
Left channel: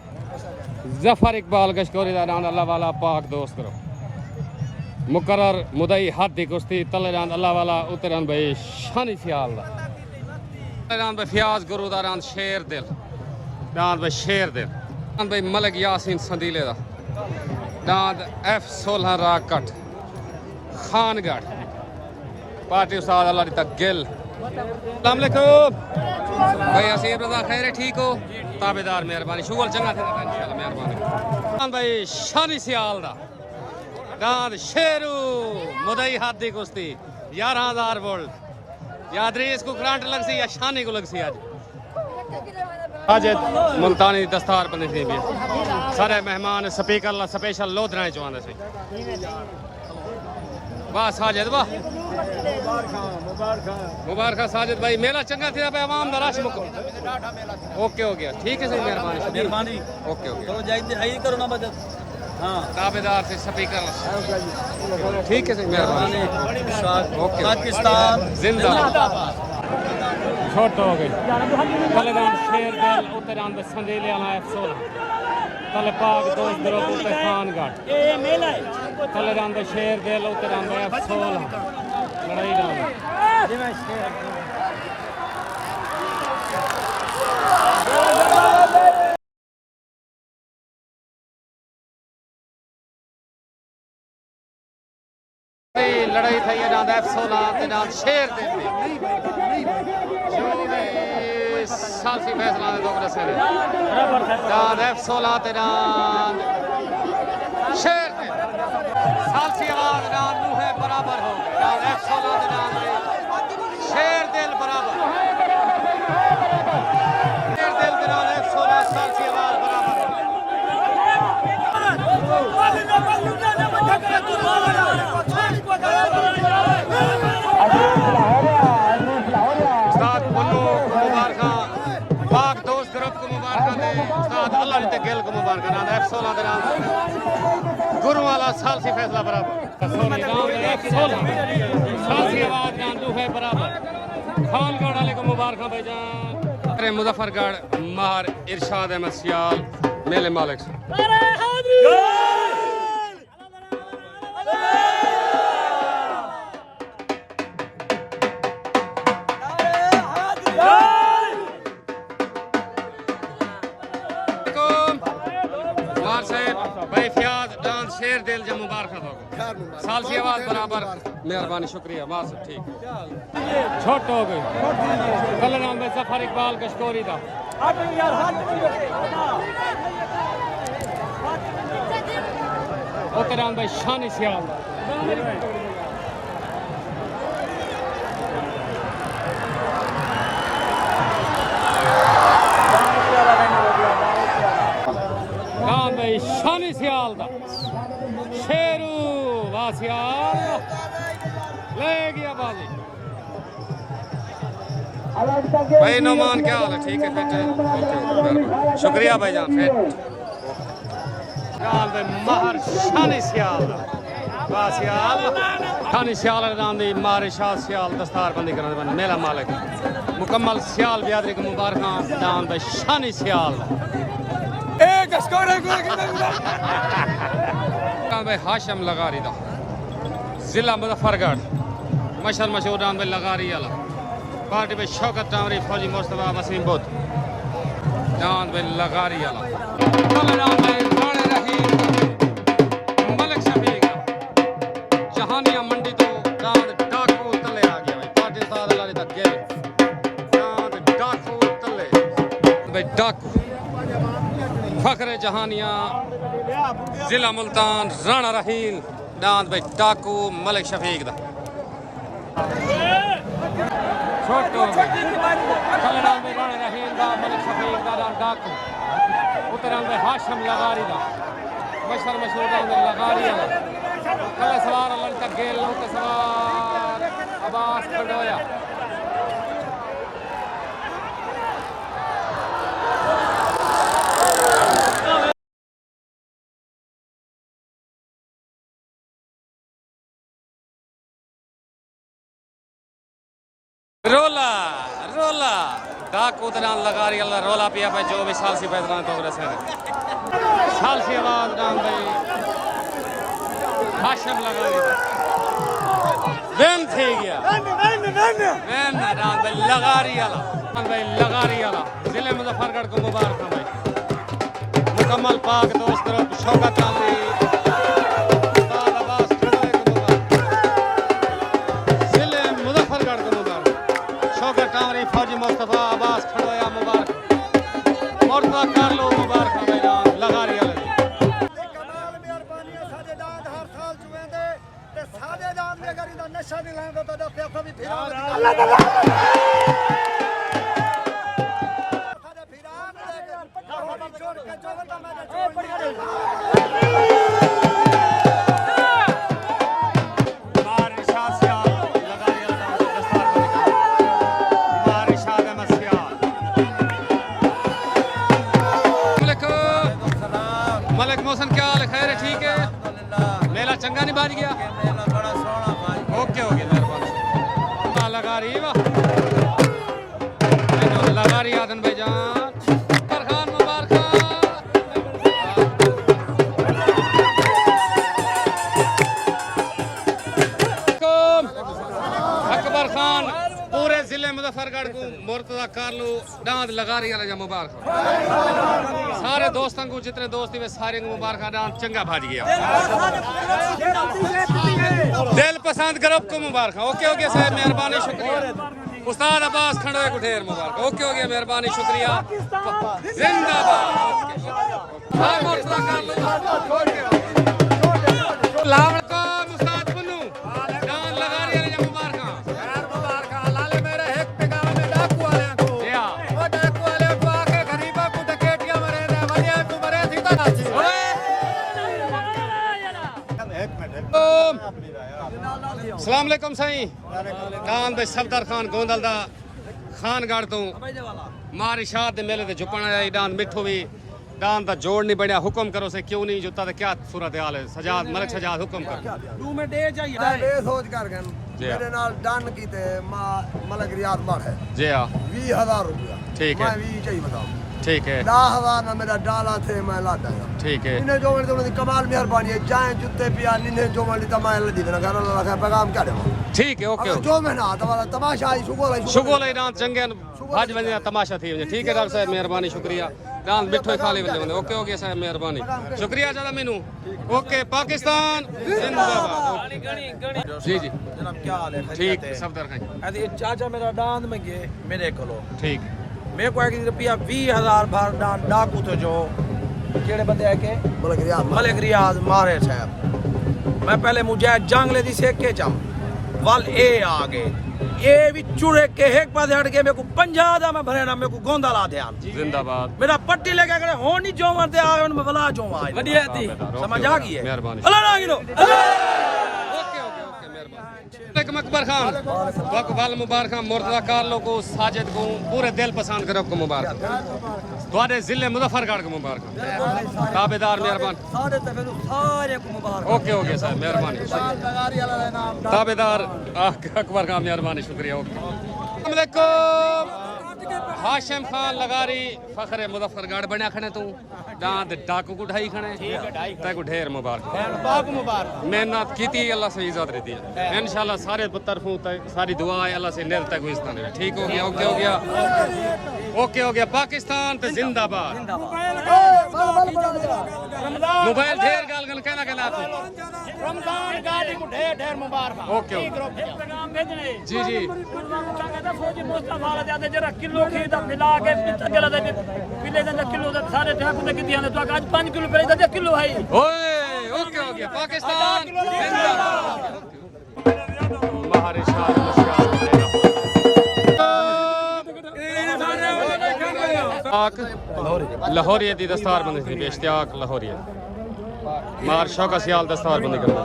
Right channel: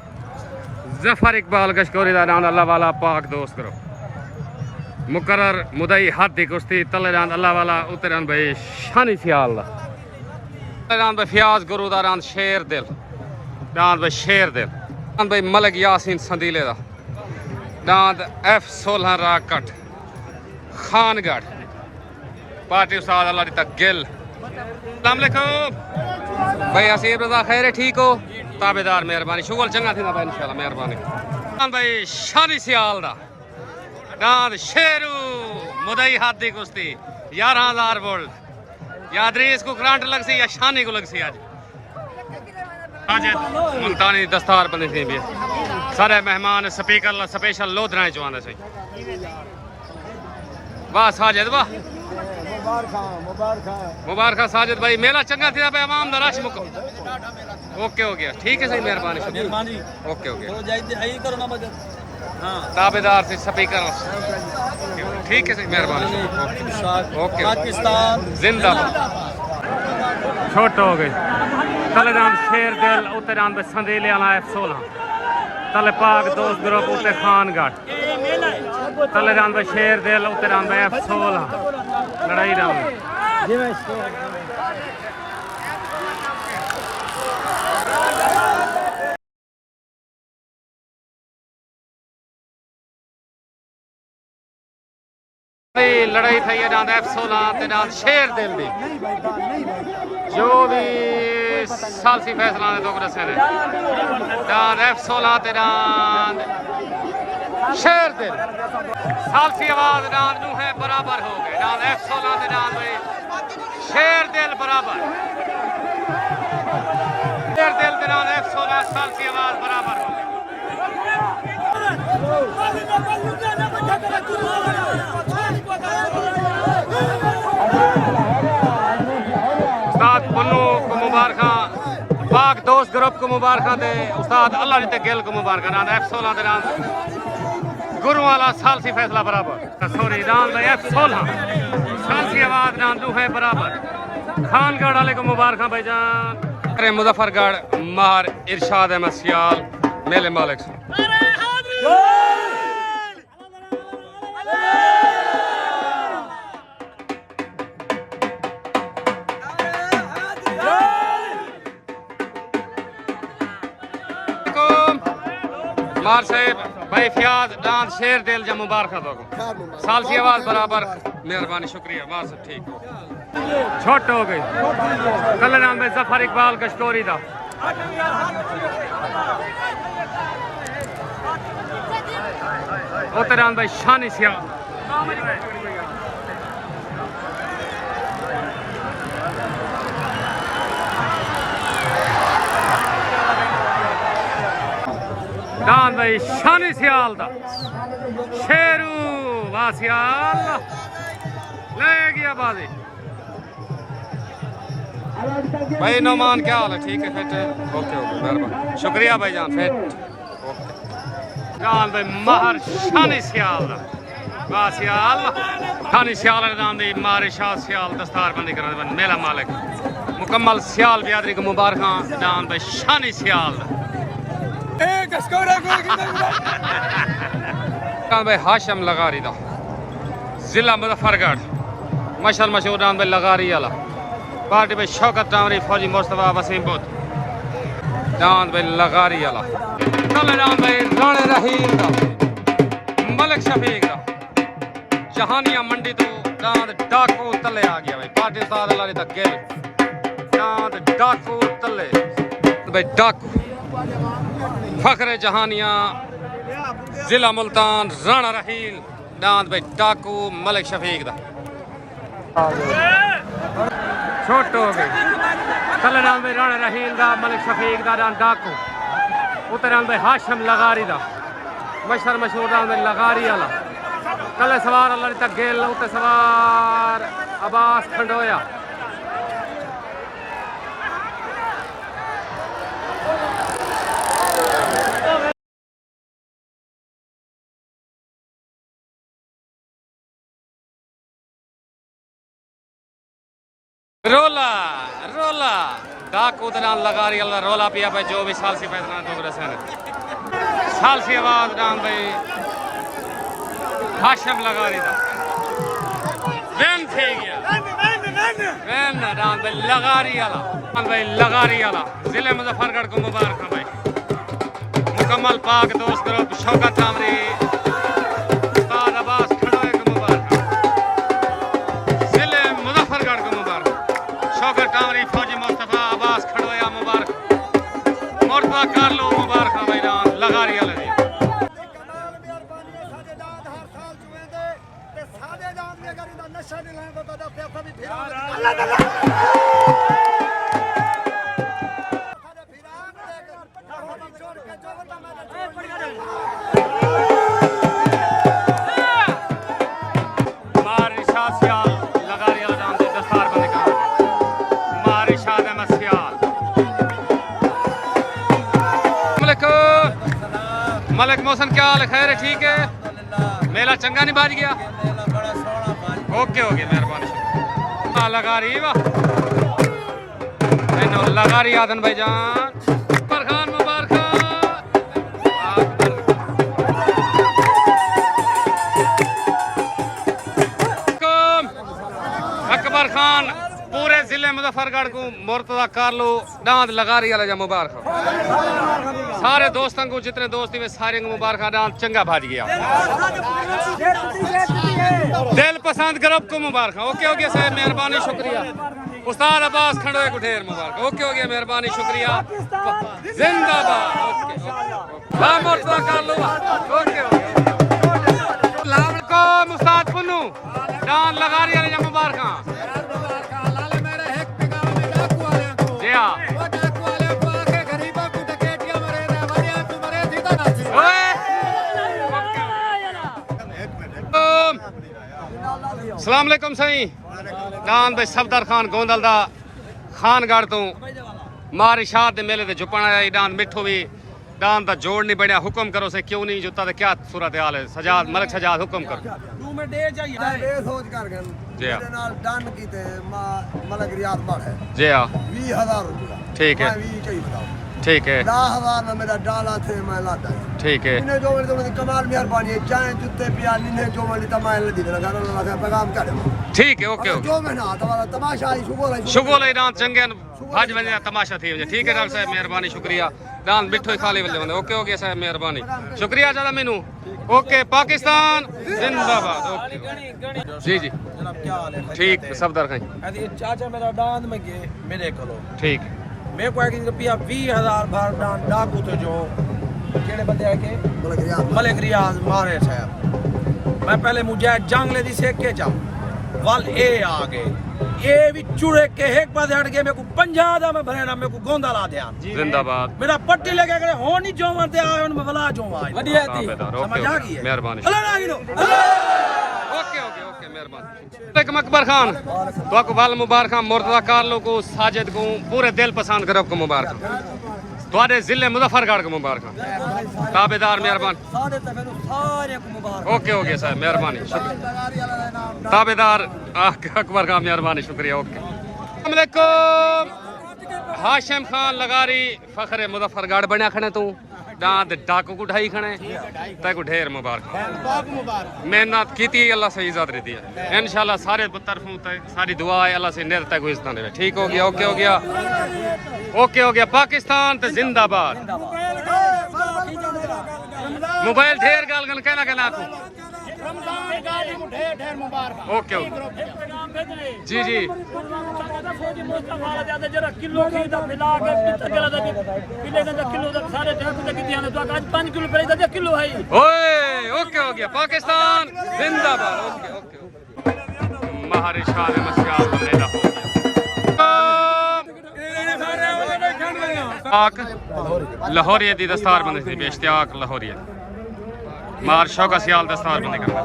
जफर इकबाल गशकोरी दा डान अल्लाह वाला पाक दोस्त करो मुकर्रर मुदई हाथी कुश्ती तले डान अल्लाह वाला उतरान भाई शानी सियाल दा तले डान भाई फियाज गुरु दा डान शेर दिल डांद भाई शेर दिल डांद भाई मलिक यासीन संदीले दा डांद F16 राकट खानगढ़ पार्टी उस्ताद अल्लाह दी तक गिल अस्सलाम वालेकुम भाई असीब रजा खैर ठीक हो ताबेदार मेहरबानी शुगर चंगा थी भाई इंशाल्लाह मेहरबानी डांद भाई शानी सियाल दा डांद शेरू मुदई हाथी कुश्ती 11000 वोल्ट याद रही इसको करंट लग सी या शानी को लग सी आज मुल्तानी दस्तार बनी थी भी सारे मेहमान स्पीकर ला स्पेशल लोधरा चुआंदे सी वाह साजिद वाह मुबारक साजिद भाई मेला चंगा थी भाई आवाम दा रश मुक ओके हो गया ठीक है सही मेहरबानी ओके ओके तो जाइए आई करो ना मदद हां ताबेदार से स्पीकर ठीक है सही मेहरबानी ओके पाकिस्तान जिंदाबाद छोट हो गई तलेदान शेर दिल उत्तरान में संदेले वाला F16 तले पाक दोस्त ग्रुप उत्ते खानगढ़ तलेदान में शेर दिल उत्तरान में F16 लड़ाई डाल लड़ाई थी है डांद F16 ते डांद शेर दिल दी जो भी सालसी फैसला ने तो दसे ने डांद F16 ते डांद शेर दिल सालसी आवाज डांद नू है बराबर हो गए डांद F16 ते डांद शेर दिल बराबर शेर दिल ते डांद F16 सालसी आवाज बराबर हो गए उस्ताद पन्नू को मुबारक पाक दोस्त ग्रुप को मुबारक दे उस्ताद अल्लाह ने गिल को मुबारक नाम F16 दे नाम गुरु वाला सालसी फैसला बराबर सॉरी नाम F16 सालसी आवाज नाम दू है बराबर खानगढ़ वाले को मुबारक भाईजान अरे मुजफ्फरगढ़ मार इरशाद अहमद सियाल मेले मालिक मार साहेब भाई फयाज डांस शेर दिल जा मुबारक दो साल की आवाज बराबर मेहरबानी शुक्रिया मार साहब ठीक हो छोट हो गई कल नाम में जफर इकबाल कश्तोरी दा उतरान भाई शानी सियाल डांद भाई शानी सियाल दा शेरू वाह सियाल ले गया बाजी भाई नौमान क्या हाल है ठीक है फिट ओके ओके मेहरबानी शुक्रिया भाई जान फिट ओके डांद भाई महर शानी सियाल दा वाह सियाल शानी सियाल डांद दी मारे शाह सियाल दस्तार बंदी करने बन मेला मालिक मुकम्मल सियाल बियादरी को मुबारक डांद भाई शानी सियाल दा भाई हाशम लगारी दा जिला मुजफ्फरगढ़ मशल मशहूर नाम भाई लगारी वाला पार्टी भाई शौकत टामरी फौजी मुस्तफा वसीम बुद्ध नाम भाई लगारी वाला नाम भाई राणे रहीम दा मलिक शफीक दा जहानिया मंडी तो दांद डाकू तले आ गया भाई पाकिस्तान वाले दा गिल दांद डाकू तले भाई डाकू फखरे जहानिया जिला मुल्तान राणा रहील दांद भाई डाकू मलिक शफीक दा छोट हो गई कल नाम भाई राणा रहील दा मलिक शफीक दा दांद डाकू उतरान भाई हाशम लगारी दा मशहूर मशहूर दांद भाई लगारी वाला कल सवार अल्लाह तक गेल उत सवार अब्बास खंडोया रोला रोला डाक उतरान लगा रही अल्लाह रोला पिया भाई जो भी सालसी फैसला तो सालसी आवाज नाम भाई हाशम लगा रही था वैन थी गया वैन नाम भाई लगा रही वाला भाई लगा रही वाला जिले मुजफ्फरगढ़ को मुबारक भाई मुकम्मल पाक दोस्त ग्रुप शौकत टामरी उस्ताद अब्बास खड़ोए को मुबारक जिले मुजफ्फरगढ़ को मुबारक शौकत टामरी फौजी मुस्तफा अब्बास खड़ोया मुबारक मुर्तजा कारलो मुबारक भाईजान लगा रही वाले नशा नहीं लाएंगे तो मलिक मोहसन क्या हाल है? खैर है, ठीक है। मेला चंगा नहीं बाज गया? बड़ा सोना बाज। ओके ओके, मेहरबानी। लगा रही वाह, लगा रही आदन भाईजान। फरखान मुबारक। अकबर खान पूरे जिले मुजफ्फरगढ़ को मुर्तजा कारलो डांद लगा रही है मुबारक। सारे दोस्तों को जितने दोस्त थे सारे को मुबारक। डांद चंगा भाज गया। दिल पसंद ग्रुप को मुबारक। ओके ओके साहब, मेहरबानी, शुक्रिया। उस्ताद अब्बास खंडोए को ढेर मुबारक। ओके हो गया, मेहरबानी, शुक्रिया, जिंदाबाद। ओके वाह मुर्तजा कारलो। ओके हो गया। लालकुम उस्ताद पुन्नू डांद लगा रही है मुबारक। सलाम अलैकुम साईं। डांद भाई सफदर खान गोंदल दा खानगढ़ तो मार इशाद दे मेले ते झुपण आया। डांद मिठो भी डांद दा जोड़ नहीं बनया। हुक्म करो से क्यों नहीं जुता ते क्या सूरत हाल है? सजाद मलिक सजाद हुक्म कर। तू में दे चाहिए बेसोच कर गन मेरे नाल डन कीते मलिक रियाद मड़ है जी हां 20000 रुपया। ठीक है, मैं 20 चाहिए बताओ। ठीक है, 10000 में मेरा डाला थे मैं लादा है। ठीक है। इन्हें जो मेरी कमाल मेहरबानी है। चाहे जूते पिया निन्हे जो मेरी तमाम लदी ना गाना लगा पैगाम कर दो। ठीक है, ओके ओके। जो मैं ना तुम्हारा तमाशा आई शुगो ले डांद चंगे भाज वने तमाशा थी वने। ठीक है डॉक्टर साहब, मेहरबानी, शुक्रिया। डांद मिठो खाली वले वने। ओके ओके साहब, मेहरबानी, शुक्रिया ज्यादा मेनू। ओके पाकिस्तान जिंदाबाद। ओके जी जी जनाब क्या हाल है? ठीक सफदर खाई। अरे चाचा मेरा डांद में गए मेरे कोलो ठीक मेरे को एक रुपया 20000 भर डाकू थे जो केड़े बंदे है के मलिक रियाज मारे साहब। मैं पहले मुझे जंगले दी सेक के जम वल ए आ गए ए भी चुड़े के एक पासे हट के मेरे को 50 दा मैं भरे ना मेरे को गोंदा ला ध्यान जिंदाबाद। मेरा पट्टी लगा करे हो नहीं जो मरते आ गए मैं बला जो आज बढ़िया थी समझ आ गई है। मेहरबानी। अल्लाह ना गिनो ओके ओके ओके, मेहरबानी। अकबर खान तो वाल मुबारक। मुर्तजा कारलो को साजिद को पूरे दिल पसंद करो को मुबारक। तुम्हारे जिले मुजफ्फरगढ़ को मुबारक। ताबेदार मेहरबान। सारे को मुबारक। ओके ओके साहब, मेहरबानी, ताबेदार अकबर खान, मेहरबानी, शुक्रिया। ओके अस्सलाम वालेकुम। हाशिम खान लगारी फखरे मुजफ्फरगढ़ बनया खने तू दांत डाकू को ढाई खने तै को ढेर मुबारक। मेहनत की अल्लाह से इज्जत रहती है इंशाल्लाह। सारे तरफों तक सारी दुआ है अल्लाह से निर तक इज्जत दे। ठीक हो गया, ओके हो गया, ओके हो गया। पाकिस्तान ते जिंदाबाद। मोबाइल ढेर गाल गन कहना कहना तू रमजान गाड़ी को ढेर ढेर मुबारक। ओके ओके पैगाम भेजने जी जी। फौजी मुस्तफा ज्यादा जरा किलो की दा मिला के गला दे किले दा किलो दा सारे ठाकुर दे कितियां तो आज 5 किलो पे दा किलो है। ओए ओके हो गया। पाकिस्तान जिंदाबाद। Okay okay. महारे शाह मस्याल मेरा लाहौरिया दी दस्तार बंदी थी बेश्तियाक लाहौरिया मार शौका सियाल दस्तार बंदी करना।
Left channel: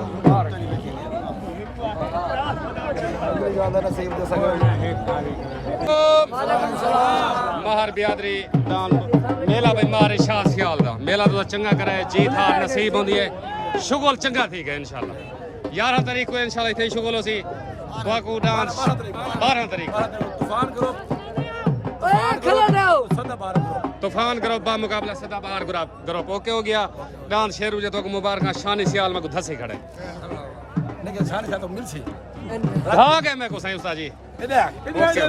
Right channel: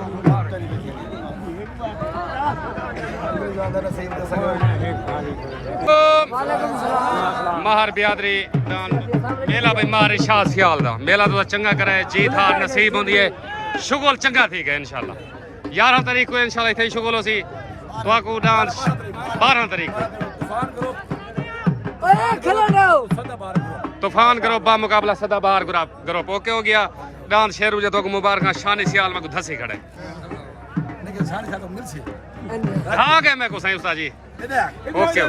महर बियादरी मेला भाई मारे शाह सियाल दा मेला तो चंगा करे जीत हार नसीब होंदी है। शुगल चंगा थी गए इंशाल्लाह। 11 तारीख को इंशाल्लाह इथे शुगल होसी। तो डांस 12 तारीख तूफान ग्रुप बा मुकाबला सदाबहार ग्रुप। ओके हो गया। डांस शेरू जो तो मुबारक शानी सियाल में को धसे खड़े लेकिन शानी तो मिल सी हाँ के मैं को सही उस्ताद जी। ओके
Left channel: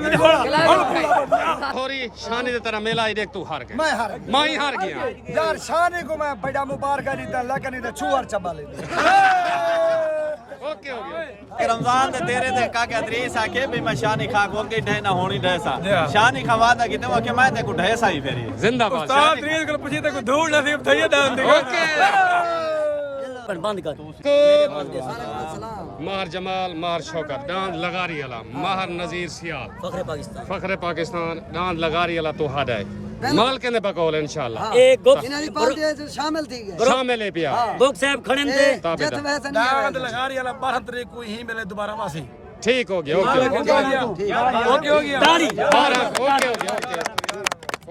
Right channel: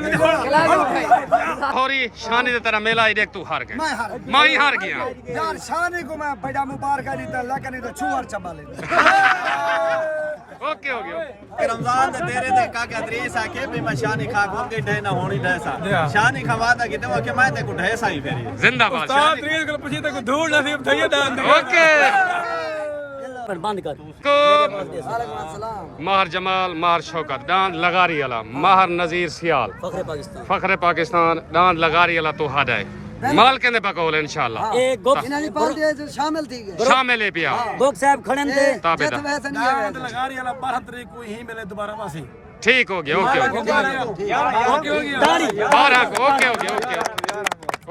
होरी शानी दे तरह मेला ही देख तू हार गए। मैं ही हार गया यार शानी को मैं बड़ा मुबारक दीता लेकिन इधर छुआर चबा ले। ओके हो गया। रमजान दे तेरे ते का के दरीस आके भी मैं शानी खा को के ढे ना होनी ढेसा शानी खवा दा किते के मैं ते को ढेसा ही फेरी जिंदाबाद। उस्ताद दरीस को पूछी ते को धूल नसीब थई दान दी। ओके पर बंद कर माहर जमाल माहर शौकत डांड लगारी अला माहर नजीर सियाल फखरे पाकिस्तान डांड लगारी अला तो हादा है माल के बकौल इंशाल्लाह एक गुक शामिल थी गए शामिल है पिया गुक साहब खड़े थे ताबेदार वैसे नहीं है लगारी वाला 12 तारीख को ही मिले दोबारा वासी ठीक हो गया ओके ओके हो गया ताली ओके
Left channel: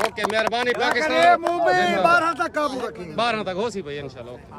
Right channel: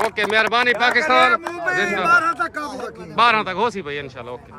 ओके मेहरबानी पाकिस्तान 12 तक काबू रखी 12 तक हो सी भाई इंशाल्लाह ओके